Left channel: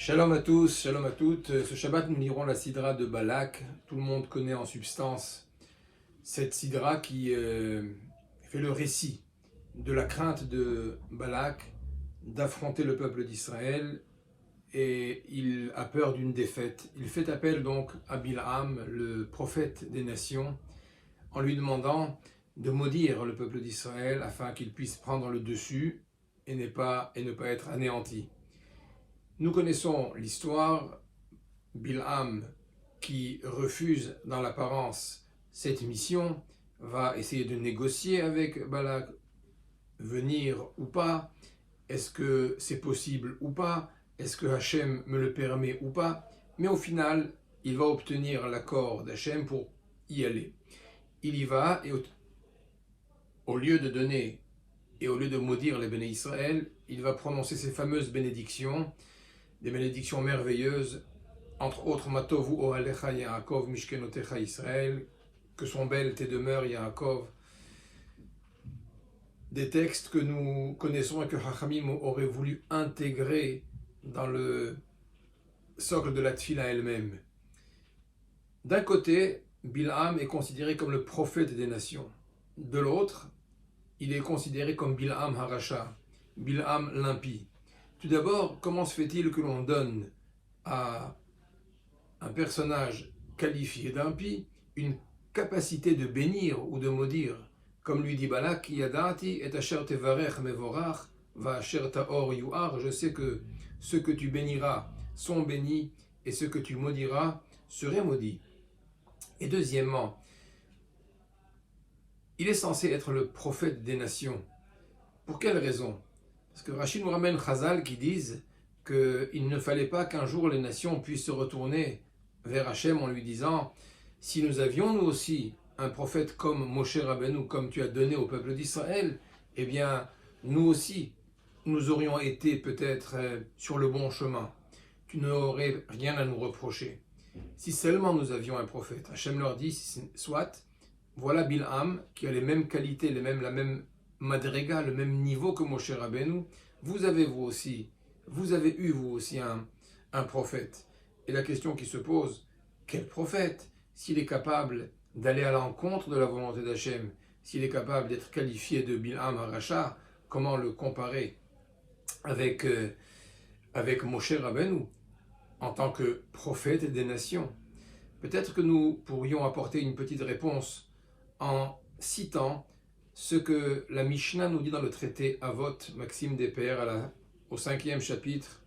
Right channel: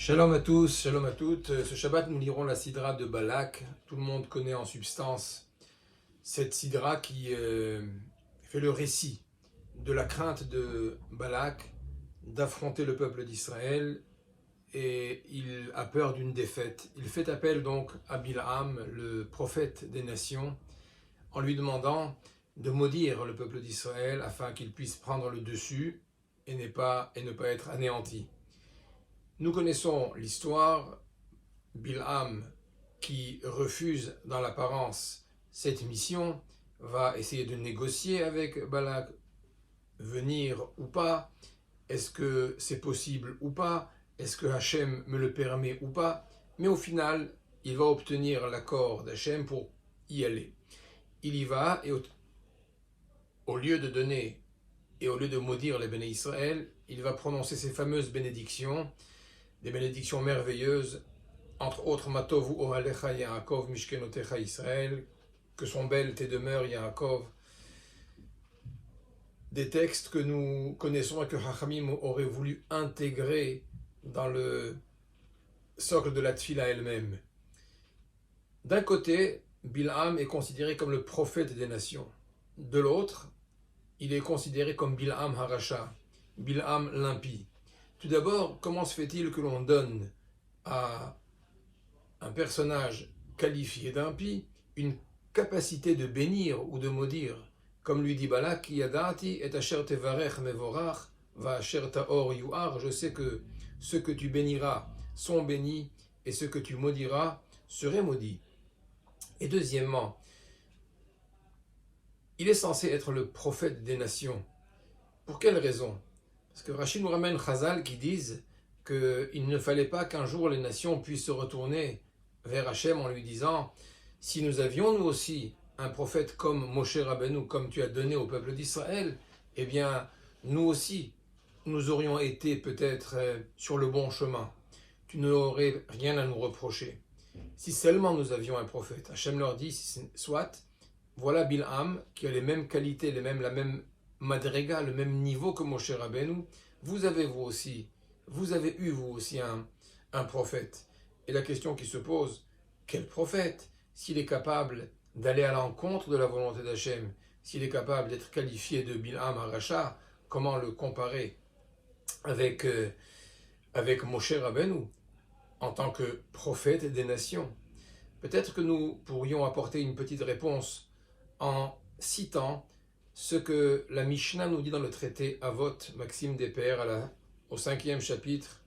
Shalom à tous, shalom à toutes. Ce Shabbat, nous lirons la Sidra de Balak. Tout le monde connaît en substance cette Sidra qui fait le récit de la crainte de Balak d'affronter le peuple d'Israël et il a peur d'une défaite. Il fait appel donc à Bil'am, le prophète des nations, en lui demandant de maudire le peuple d'Israël afin qu'il puisse prendre le dessus et ne pas être anéanti. Nous connaissons l'histoire. Bil'am, qui refuse dans l'apparence cette mission, va essayer de négocier avec Balak, venir ou pas, est-ce que c'est possible ou pas, est-ce que Hachem me le permet ou pas, mais au final, il va obtenir l'accord d'Hachem pour y aller. Il y va et au lieu de donner et au lieu de maudire les béné Israël, il va prononcer ces fameuses bénédictions, des bénédictions merveilleuses, entre autres, Matovu Ohalecha Yaakov Mishkenotecha Israël, que sont belles tes demeures Yaakov, des textes que nous connaissons et que Chachamim aurait voulu intégrer dans le socle de la Tfila elle-même. D'un côté, Bil'am est considéré comme le prophète des nations. De l'autre, il est considéré comme Bil'am Harasha, Bil'am l'impie. Tout d'abord, comment se fait-il que l'on donne à un personnage qualifié d'impie une capacité de bénir ou de maudire, comme lui dit Balak, Yadati et asher tevarech mevorach va asher taor yuar, je sais que ceux que tu béniras sont bénis et ceux que tu maudiras seraient maudits. Et deuxièmement, il est censé être le prophète des nations. Pour quelle raison? Parce que Rachid nous ramène Chazal qui disent qu'il ne fallait pas qu'un jour les nations puissent se retourner vers Hachem en lui disant: si nous avions nous aussi un prophète comme Moshe Rabbeinu, comme tu as donné au peuple d'Israël, eh bien nous aussi nous aurions été peut-être sur le bon chemin. Tu n'aurais rien à nous reprocher. Si seulement nous avions un prophète. Hachem leur dit: soit, voilà Bil'am qui a les mêmes qualités, la même madrega, le même niveau que Moshe Rabbeinu. Vous avez eu vous aussi un prophète. Et la question qui se pose, quel prophète? S'il est capable d'aller à l'encontre de la volonté d'Hachem, s'il est capable d'être qualifié de Bil'am Harasha, comment le comparer avec Moshe Rabbeinu en tant que prophète des nations? Peut-être que nous pourrions apporter une petite réponse en citant ce que la Mishnah nous dit dans le traité Avot, Maxime des Pères, au 5e chapitre.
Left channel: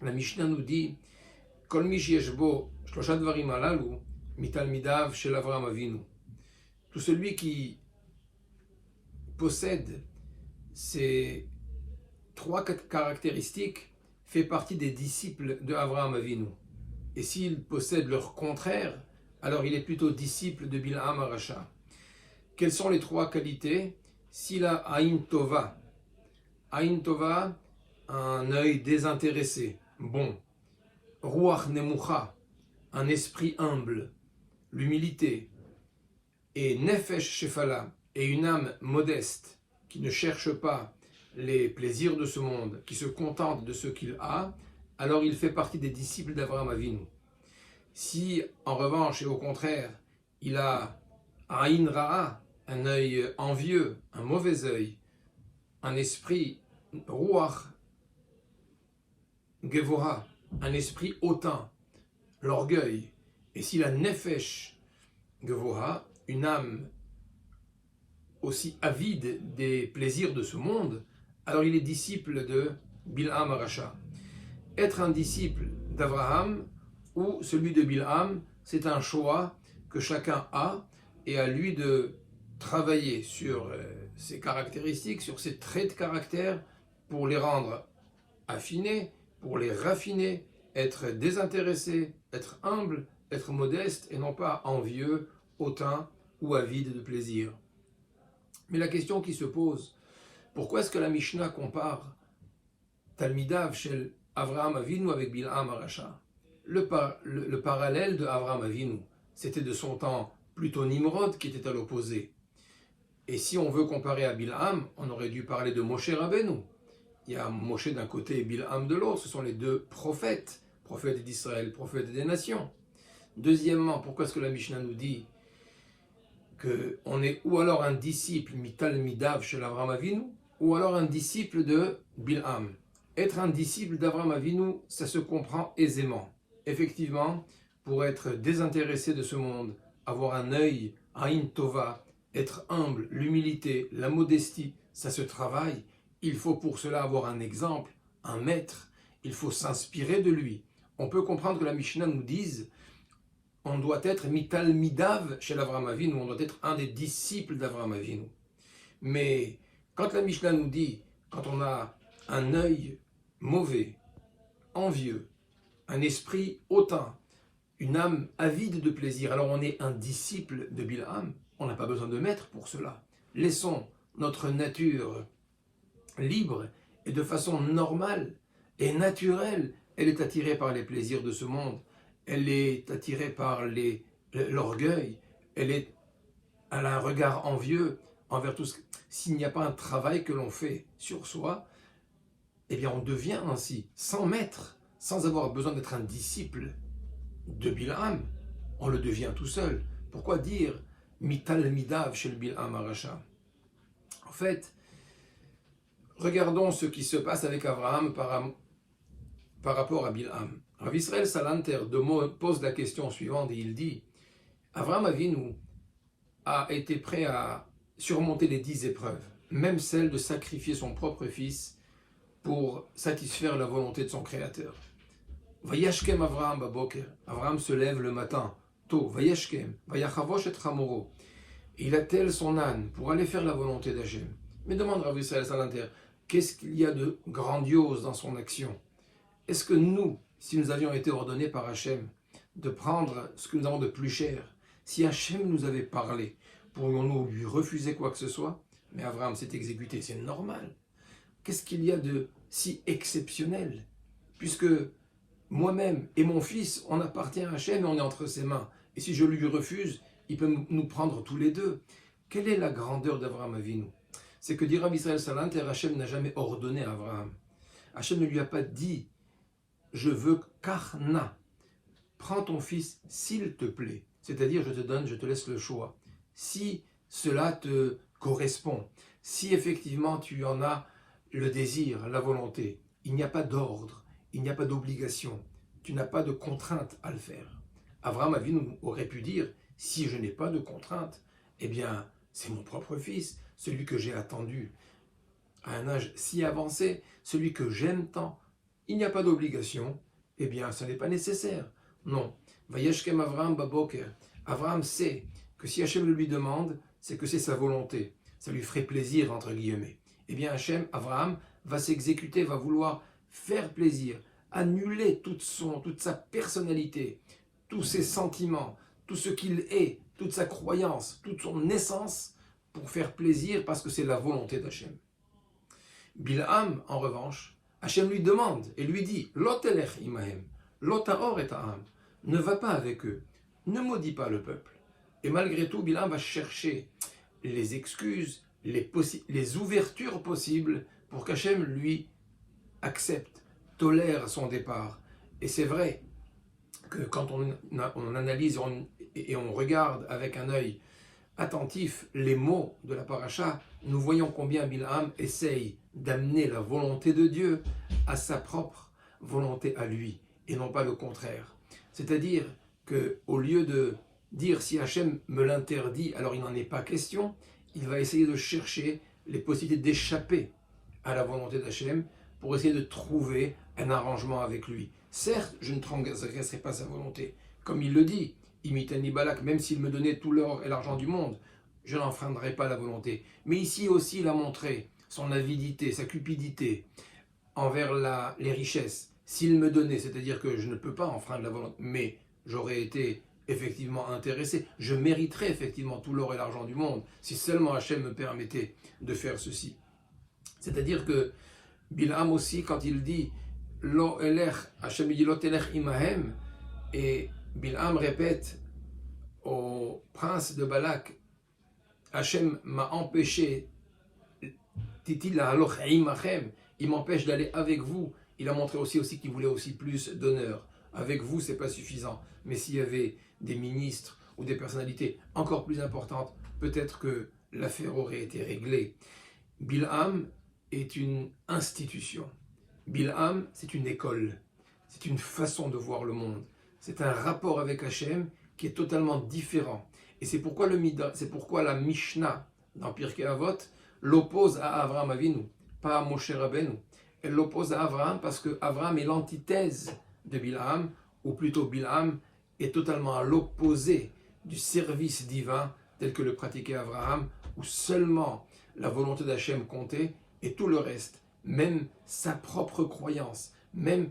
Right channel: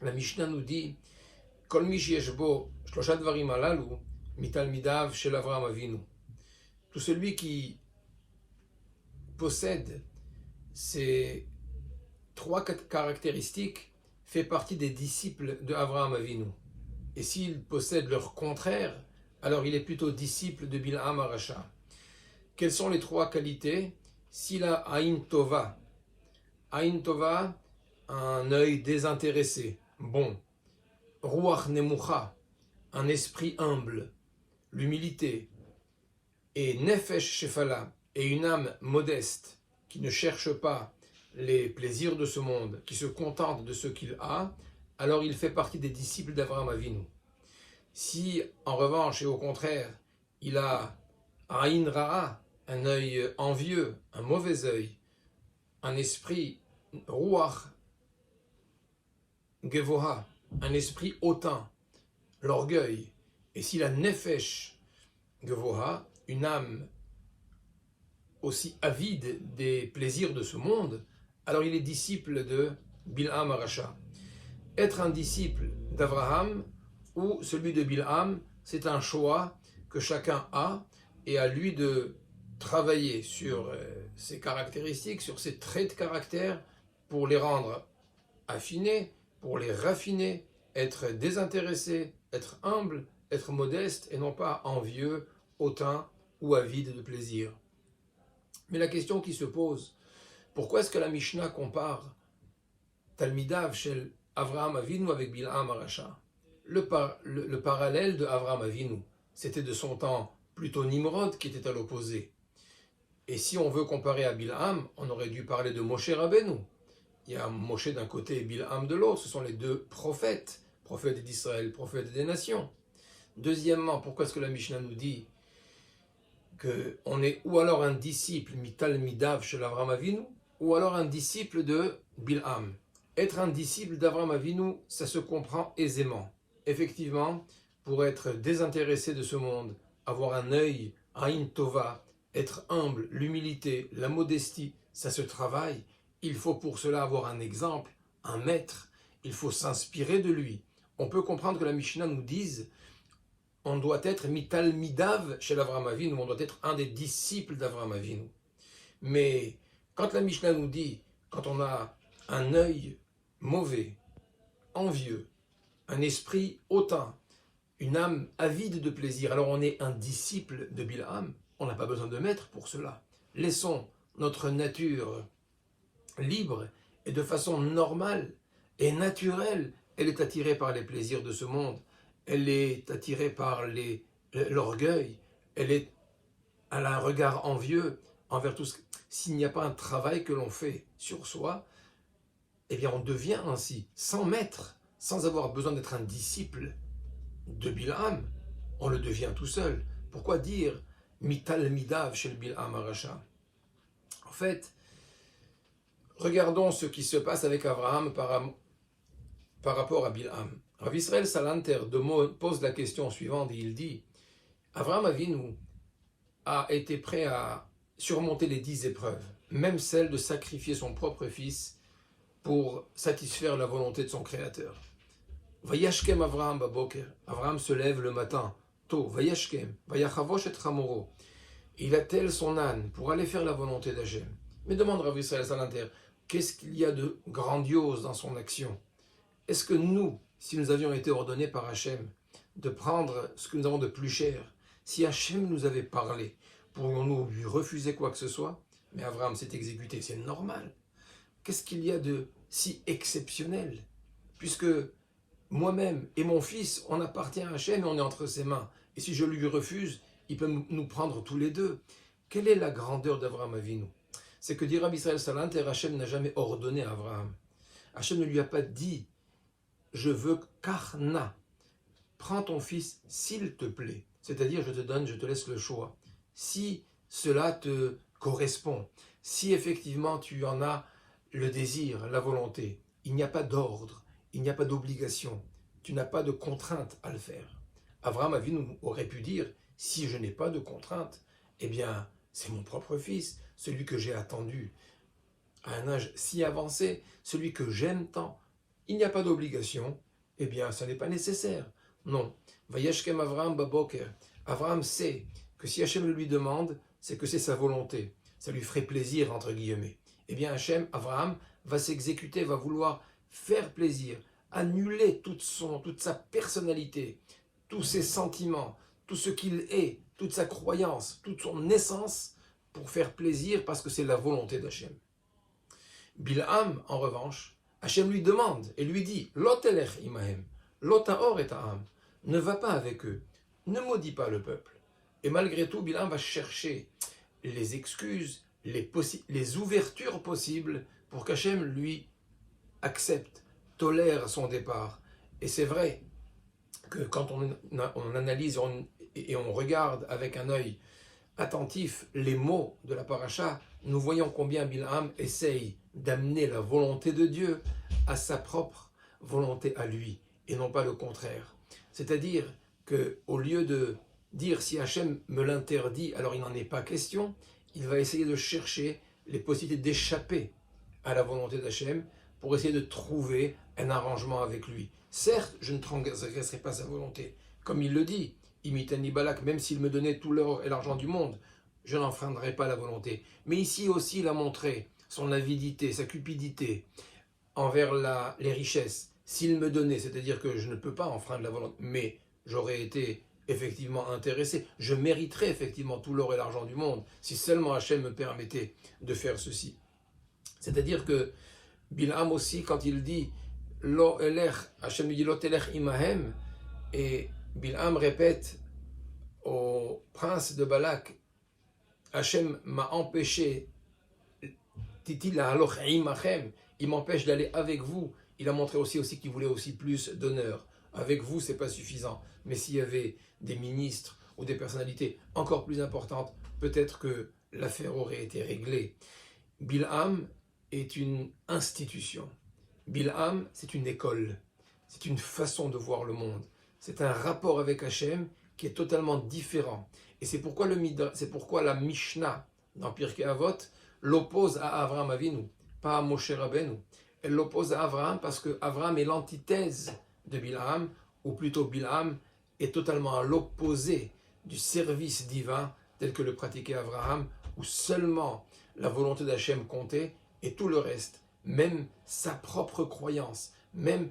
La Mishnah nous dit: Kol mi sheyesh bo shlosha dvarim halalu mitalmidav shel Avraham Avinu. Tout celui qui possède ces trois caractéristiques fait partie des disciples de Avraham Avinu. Et s'il possède leur contraire, alors il est plutôt disciple de Bil'am Harasha. Quelles sont les trois qualités? S'il a Aïn Tova, un œil désintéressé, bon. Ruach Nemucha, un esprit humble, l'humilité. Et Nefesh Shefala, et une âme modeste, qui ne cherche pas les plaisirs de ce monde, qui se contente de ce qu'il a, alors il fait partie des disciples d'Avraham Avinu. Si, en revanche, et au contraire, il a Aïn Ra'a, un œil envieux, un mauvais œil, un esprit Ruach Gevoha, un esprit hautain, l'orgueil, et s'il a Nefesh Gevoha, une âme aussi avide des plaisirs de ce monde, alors il est disciple de Bil'am Harasha. Être un disciple d'Avraham ou celui de Bil'am, c'est un choix que chacun a, et à lui de travailler sur ses caractéristiques, sur ses traits de caractère, pour les rendre affinés, pour les raffiner, être désintéressé, être humble, être modeste, et non pas envieux, hautain ou avide de plaisir. Mais la question qui se pose, pourquoi est-ce que la Mishnah compare Talmidav shel Avraham Avinu avec Bil'am Harasha? Le parallèle de Avraham Avinu, c'était de son temps plutôt Nimrod qui était à l'opposé. Et si on veut comparer à Bil'am, on aurait dû parler de Moshe Rabbeinu. il y a Moshe d'un côté et Bilham de l'autre. Ce sont les deux prophètes, prophètes d'Israël, prophètes des nations. Deuxièmement, pourquoi est-ce que la Mishnah nous dit qu'on est ou alors un disciple, Mital Midav chez l'Avraham Avinu, ou alors un disciple de Bilham. Être un disciple d'Avraham Avinu, ça se comprend aisément. Effectivement, pour être désintéressé de ce monde, avoir un œil, Aïn Tova, être humble, l'humilité, la modestie, ça se travaille. Il faut pour cela avoir un exemple, un maître. Il faut s'inspirer de lui. On peut comprendre que la Mishnah nous dise on doit être Mital Midav chez l'Avraham Avinu, on doit être un des disciples d'Avraham Avinu. Mais quand la Mishnah nous dit, quand on a un œil mauvais, envieux, un esprit hautain, une âme avide de plaisir, alors on est un disciple de Bilham, on n'a pas besoin de maître pour cela. Laissons notre nature libre et de façon normale et naturelle, elle est attirée par les plaisirs de ce monde. Elle est attirée par l'orgueil, elle a un regard envieux envers tout ce. S'il n'y a pas un travail que l'on fait sur soi, eh bien on devient ainsi, sans maître, sans avoir besoin d'être un disciple de Bilham, on le devient tout seul. Pourquoi dire Mital Midav chez le Bilham Aracha? En fait, regardons ce qui se passe avec Abraham par rapport à Bilham. Rav Israël Salanter pose la question suivante et il dit Avraham Avinu a été prêt à surmonter les 10 épreuves, même celle de sacrifier son propre fils pour satisfaire la volonté de son Créateur. Vayashkem Avraham baboker, Avraham se lève le matin tôt, Vayashkem, Vayachavosh et Chamoro. Il attelle son âne pour aller faire la volonté d'Hachem. Mais demande Rav Israël Salanter, qu'est-ce qu'il y a de grandiose dans son action? Est-ce que nous, si nous avions été ordonnés par Hachem de prendre ce que nous avons de plus cher, si Hachem nous avait parlé, pourrions-nous lui refuser quoi que ce soit? Mais Abraham s'est exécuté, c'est normal. Qu'est-ce qu'il y a de si exceptionnel? Puisque moi-même et mon fils, on appartient à Hachem et on est entre ses mains. Et si je lui refuse, il peut nous prendre tous les deux. Quelle est la grandeur d'Avraham Avinu? C'est que dit Rabbi Israël Salanter, Hachem n'a jamais ordonné à Abraham. Hachem ne lui a pas dit je veux Karna. Prends ton fils s'il te plaît. C'est-à-dire, je te laisse le choix. Si cela te correspond, si effectivement tu en as le désir, la volonté, il n'y a pas d'ordre, il n'y a pas d'obligation, tu n'as pas de contrainte à le faire. Avraham Avinu aurait pu dire, si je n'ai pas de contrainte, eh bien, c'est mon propre fils, celui que j'ai attendu à un âge si avancé, celui que j'aime tant. Il n'y a pas d'obligation, eh bien, ça n'est pas nécessaire. Non. Vayashkem Avraham baboker. Avraham sait que si Hachem le lui demande, c'est que c'est sa volonté. Ça lui ferait plaisir, entre guillemets. Eh bien, Avraham va s'exécuter, va vouloir faire plaisir, annuler toute sa personnalité, tous ses sentiments, tout ce qu'il est, toute sa croyance, toute son essence, pour faire plaisir, parce que c'est la volonté d'Hachem. Bilham, en revanche, Hachem lui demande et lui dit Lotelech imahem, lotaor et ta'am, ne va pas avec eux, ne maudis pas le peuple. Et malgré tout, Bilham va chercher les excuses, les ouvertures possibles pour qu'Hachem lui accepte, tolère son départ. Et c'est vrai que quand on analyse et on regarde avec un œil attentif les mots de la paracha, nous voyons combien Bilham essaye d'amener la volonté de Dieu à sa propre volonté à lui, et non pas le contraire. C'est-à-dire qu'au lieu de dire si Hachem me l'interdit, alors il n'en est pas question, il va essayer de chercher les possibilités d'échapper à la volonté d'Hachem pour essayer de trouver un arrangement avec lui. Certes, je ne transgresserai pas sa volonté. Comme il le dit, Imitani Balak, même s'il me donnait tout l'or et l'argent du monde, je n'enfreindrai pas la volonté. Mais ici aussi, il a montré son avidité, sa cupidité envers les richesses. S'il me donnait, c'est-à-dire que je ne peux pas enfreindre la volonté, mais j'aurais été effectivement intéressé, je mériterais effectivement tout l'or et l'argent du monde, si seulement Hachem me permettait de faire ceci. C'est-à-dire que Bilham aussi, quand il dit Lo elech, Hachem lui dit Lo telech imahem, et Bilham répète au prince de Balak, Hachem m'a empêché, dit-il, il m'empêche d'aller avec vous. Il a montré aussi qu'il voulait aussi plus d'honneur. Avec vous, ce n'est pas suffisant. Mais s'il y avait des ministres ou des personnalités encore plus importantes, peut-être que l'affaire aurait été réglée. Bilham est une institution. Bilham, c'est une école. C'est une façon de voir le monde. C'est un rapport avec Hachem qui est totalement différent. Et c'est pourquoi la Mishnah dans Pirkei Avot l'oppose à Avraham Avinu, pas à Moshe Rabbeinu. Elle l'oppose à Avraham parce que Avraham est l'antithèse de Bilham, ou plutôt Bilham est totalement à l'opposé du service divin tel que le pratiquait Avraham, où seulement la volonté d'Hachem comptait et tout le reste, même sa propre croyance, même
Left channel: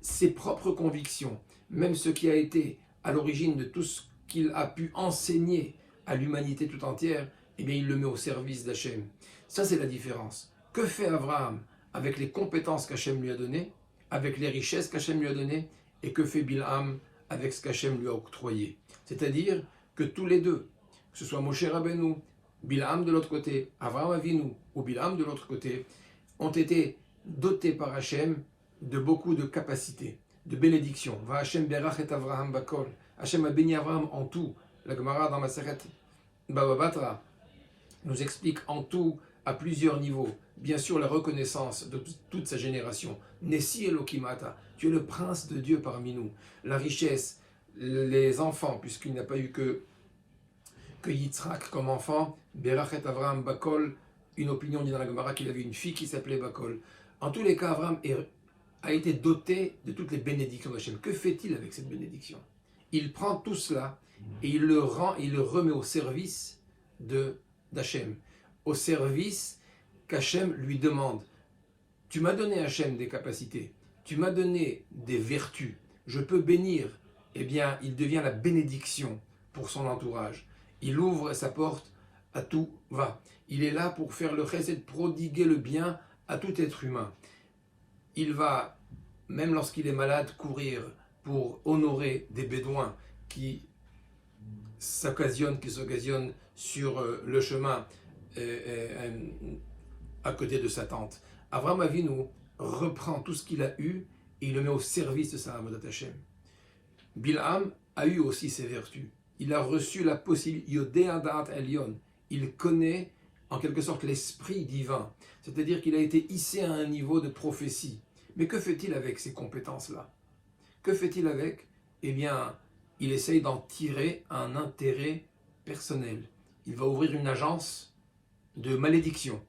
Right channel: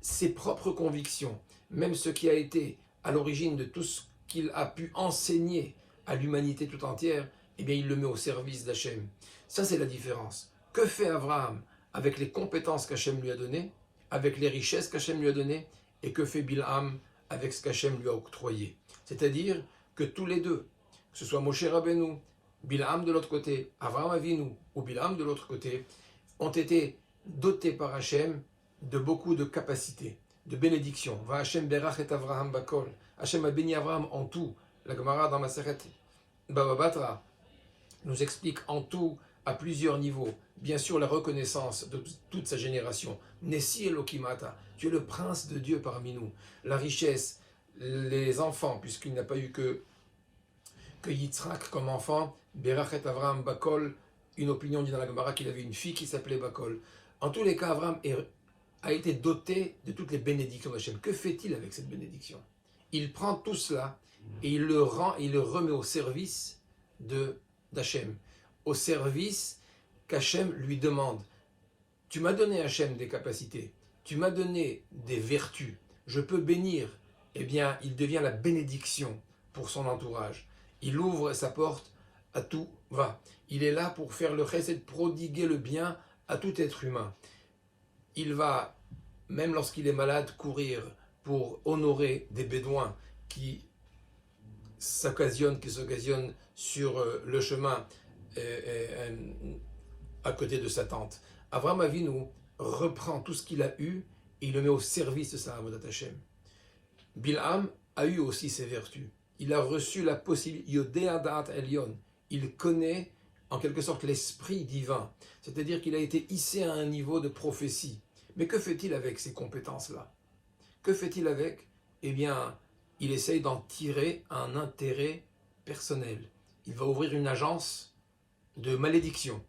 ses propres convictions, même ce qui a été à l'origine de tout ce qu'il a pu enseigner à l'humanité tout entière, eh bien il le met au service d'Hachem. Ça c'est la différence. Que fait Avraham avec les compétences qu'Hachem lui a données, avec les richesses qu'Hachem lui a données, et que fait Bilham avec ce qu'Hachem lui a octroyé. C'est-à-dire que tous les deux, que ce soit Moshe Rabbeinu, Bilham de l'autre côté, Avraham Avinu ou Bilham de l'autre côté, ont été dotés par Hachem de beaucoup de capacités, de bénédictions. Va Hachem berach et Avraham bakol. Hachem a béni Avraham en tout. La Gemara dans Masechet Baba Batra nous explique en tout à plusieurs niveaux. Bien sûr, la reconnaissance de toute sa génération. Nessi Elokimata, tu es le prince de Dieu parmi nous. La richesse, les enfants, puisqu'il n'a pas eu que Yitzhak comme enfant. Berachet Avraham Bakol, une opinion dit dans la Gemara qu'il avait une fille qui s'appelait Bakol. En tous les cas, Avraham a été doté de toutes les bénédictions d'Hachem. Que fait-il avec cette bénédiction? Il prend tout cela et il le remet au service d'Hachem, au service qu'Hachem lui demande. Tu m'as donné, Hachem, des capacités, tu m'as donné des vertus, je peux bénir. Eh bien, il devient la bénédiction pour son entourage. Il ouvre sa porte à tout va. Il est là pour faire le chesed, prodiguer le bien à tout être humain. Il va, même lorsqu'il est malade, courir pour honorer des bédouins qui s'occasionnent sur le chemin à côté de sa tente. Avraham Avinu reprend tout ce qu'il a eu et il le met au service de sa Avodat Hashem. Bilham a eu aussi ses vertus. Il a reçu la possibilité, Yodea Da'at Elyon. Il connaît en quelque sorte l'esprit divin. C'est-à-dire qu'il a été hissé à un niveau de prophétie. Mais que fait-il avec ces compétences-là? Que fait-il avec? Eh bien, il essaye d'en tirer un intérêt personnel. Il va ouvrir une agence de malédiction.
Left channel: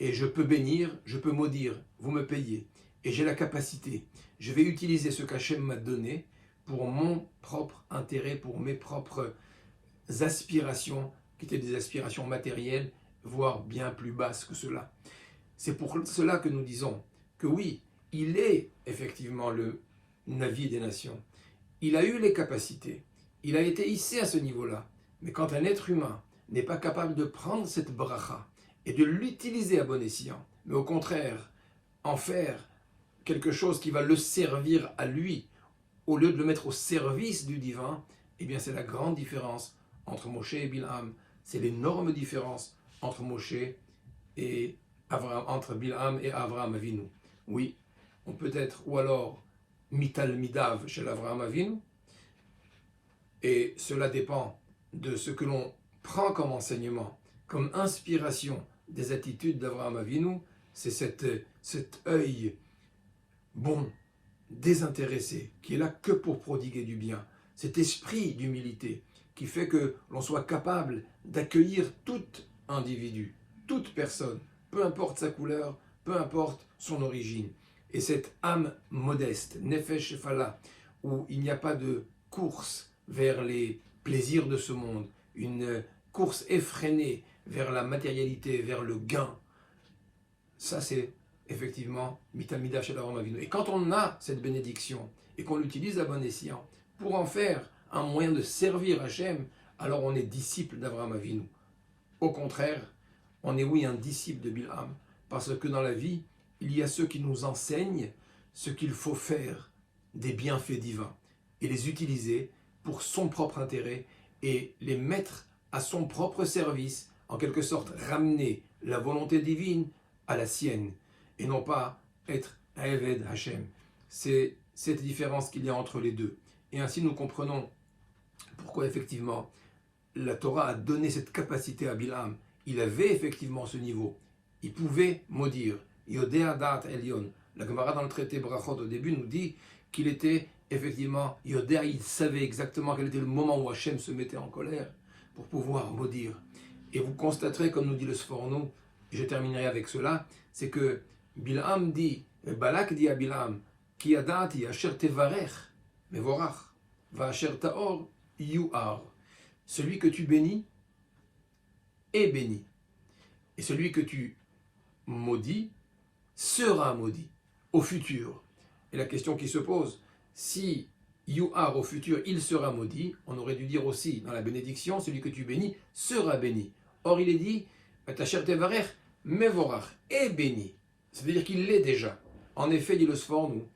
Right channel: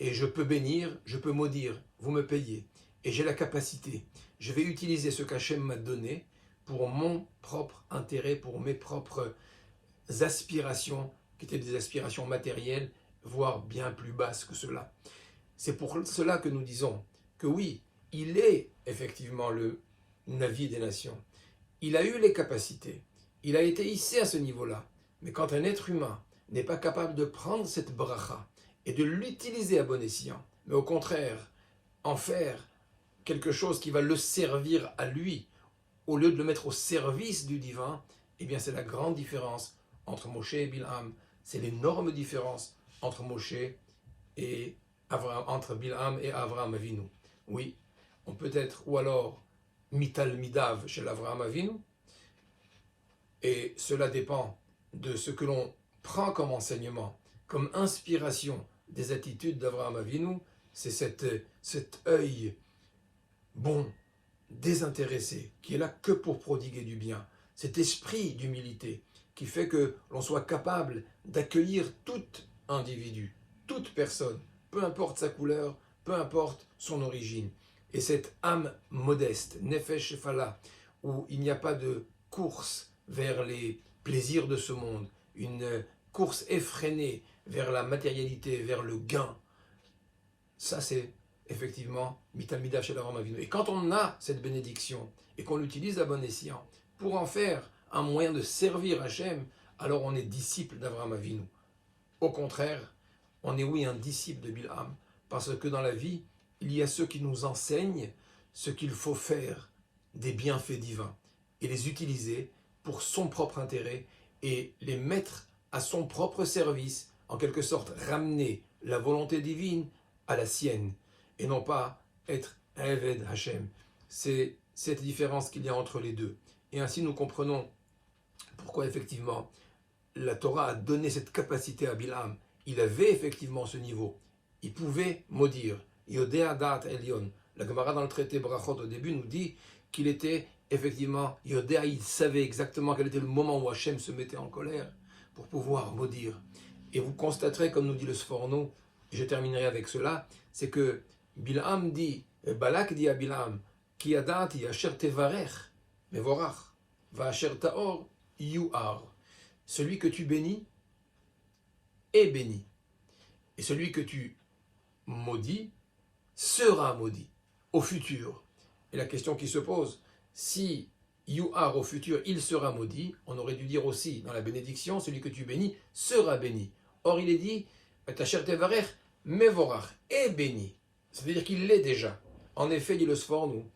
Et je peux bénir, je peux maudire, vous me payez. Et j'ai la capacité. Je vais utiliser ce qu'Hachem m'a donné pour mon propre intérêt, pour mes propres aspirations, qui étaient des aspirations matérielles, voire bien plus basses que cela. C'est pour cela que nous disons que oui, il est effectivement le Navi des nations. Il a eu les capacités, il a été hissé à ce niveau-là. Mais quand un être humain n'est pas capable de prendre cette bracha et de l'utiliser à bon escient, mais au contraire, en faire quelque chose qui va le servir à lui, au lieu de le mettre au service du divin, eh bien c'est la grande différence entre Moshe et Bilham. C'est l'énorme différence entre Moshe et Avraham, entre Bilham et Avraham Avinu. Oui, on peut être, ou alors Mital Midav chez l'Avraham Avinu, et cela dépend de ce que l'on prend comme enseignement, comme inspiration des attitudes d'Avraham Avinu. C'est cet œil bon, désintéressé, qui est là que pour prodiguer du bien, cet esprit d'humilité qui fait que l'on soit capable d'accueillir tout individu, toute personne, peu importe sa couleur, peu importe son origine. Et cette âme modeste, Nefesh Fala, où il n'y a pas de course vers les plaisirs de ce monde, une course effrénée vers la matérialité, vers le gain, ça c'est effectivement Mitamida chez l'Avraham Avinu. Et quand on a cette bénédiction et qu'on l'utilise à bon escient pour en faire un moyen de servir Hachem, alors on est disciple d'Avraham Avinu. Au contraire, on est oui un disciple de Bilham, parce que dans la vie, il y a ceux qui nous enseignent ce qu'il faut faire des bienfaits divins et les utiliser pour son propre intérêt et les mettre à son propre service, en quelque sorte ramener la volonté divine à la sienne. et non pas être un Eved Hashem. C'est cette différence qu'il y a entre les deux. Et ainsi nous comprenons pourquoi effectivement la Torah a donné cette capacité à Bilham. Il avait effectivement ce niveau. Il pouvait maudire. Yodea Da'at Elyon. La Gemara dans le traité Brachot au début nous dit qu'il était effectivement Yodea, il savait exactement quel était le moment où Hachem se mettait en colère pour pouvoir maudire. Et vous constaterez, comme nous dit le Sforno, et je terminerai avec cela, c'est que Bilham dit, Balak dit à Bilham, Ki yadati asher tevarech mevorach, va asher taor yuar. Celui que tu bénis est béni. Et celui que tu maudis sera maudit au futur. Et la question qui se pose, si yuar au futur, il sera maudit, on aurait dû dire aussi dans la bénédiction, celui que tu bénis sera béni. Or il est dit, Asher tevarech mevorach, est béni. Ça veut dire qu'il l'est déjà. En effet, dit le Sforno,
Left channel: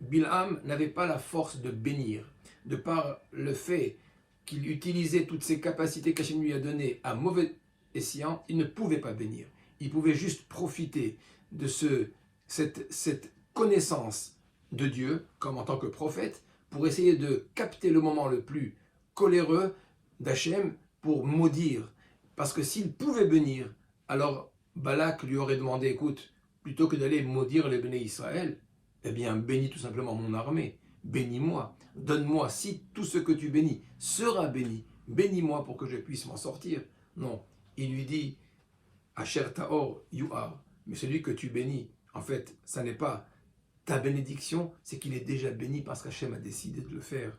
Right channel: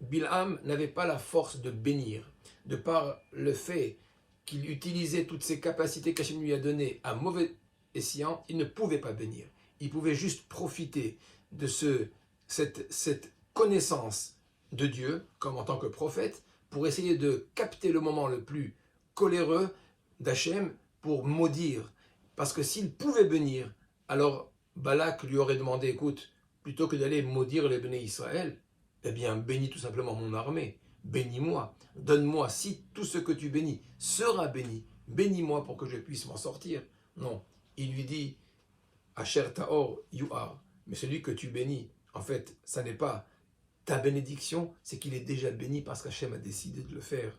Bilham n'avait pas la force de bénir, de par le fait qu'il utilisait toutes ses capacités qu'Hachem lui a données à mauvais escient, il ne pouvait pas bénir. Il pouvait juste profiter de cette connaissance de Dieu, comme en tant que prophète, pour essayer de capter le moment le plus coléreux d'Hachem pour maudire. Parce que s'il pouvait bénir, alors Balak lui aurait demandé, écoute, plutôt que d'aller maudire les bénis Israël, eh bien bénis tout simplement mon armée, bénis-moi, donne-moi, si tout ce que tu bénis sera béni, bénis-moi pour que je puisse m'en sortir. Non, il lui dit, Asher Taor Yuar, mais celui que tu bénis, en fait, ça n'est pas ta bénédiction, c'est qu'il est déjà béni parce qu'Hachem a décidé de le faire.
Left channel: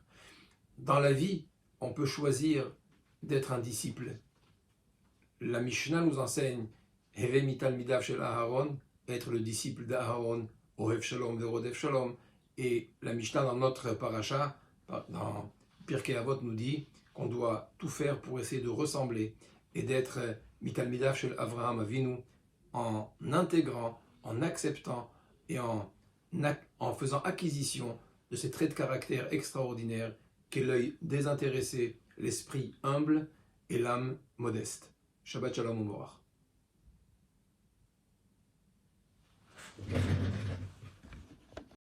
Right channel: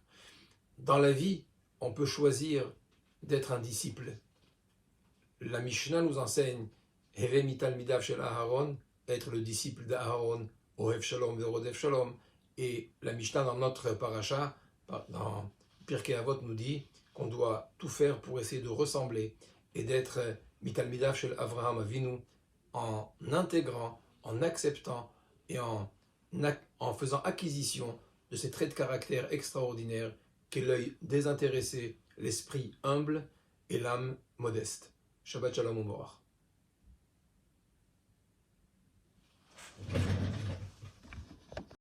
Dans la vie, on peut choisir d'être un disciple. La Mishnah nous enseigne, Heve mital midav shel Aharon, être le disciple d'Aaron, Ohev Shalom ve'Rodev Shalom. Et la Mishnah dans notre paracha, dans Pirkei Avot, nous dit qu'on doit tout faire pour essayer de ressembler et d'être mitalmidav shel Avraham Avinu en intégrant, en acceptant et en faisant acquisition de ces traits de caractère extraordinaires qu'est l'œil désintéressé, l'esprit humble et l'âme modeste. Shabbat Shalom U'Borach.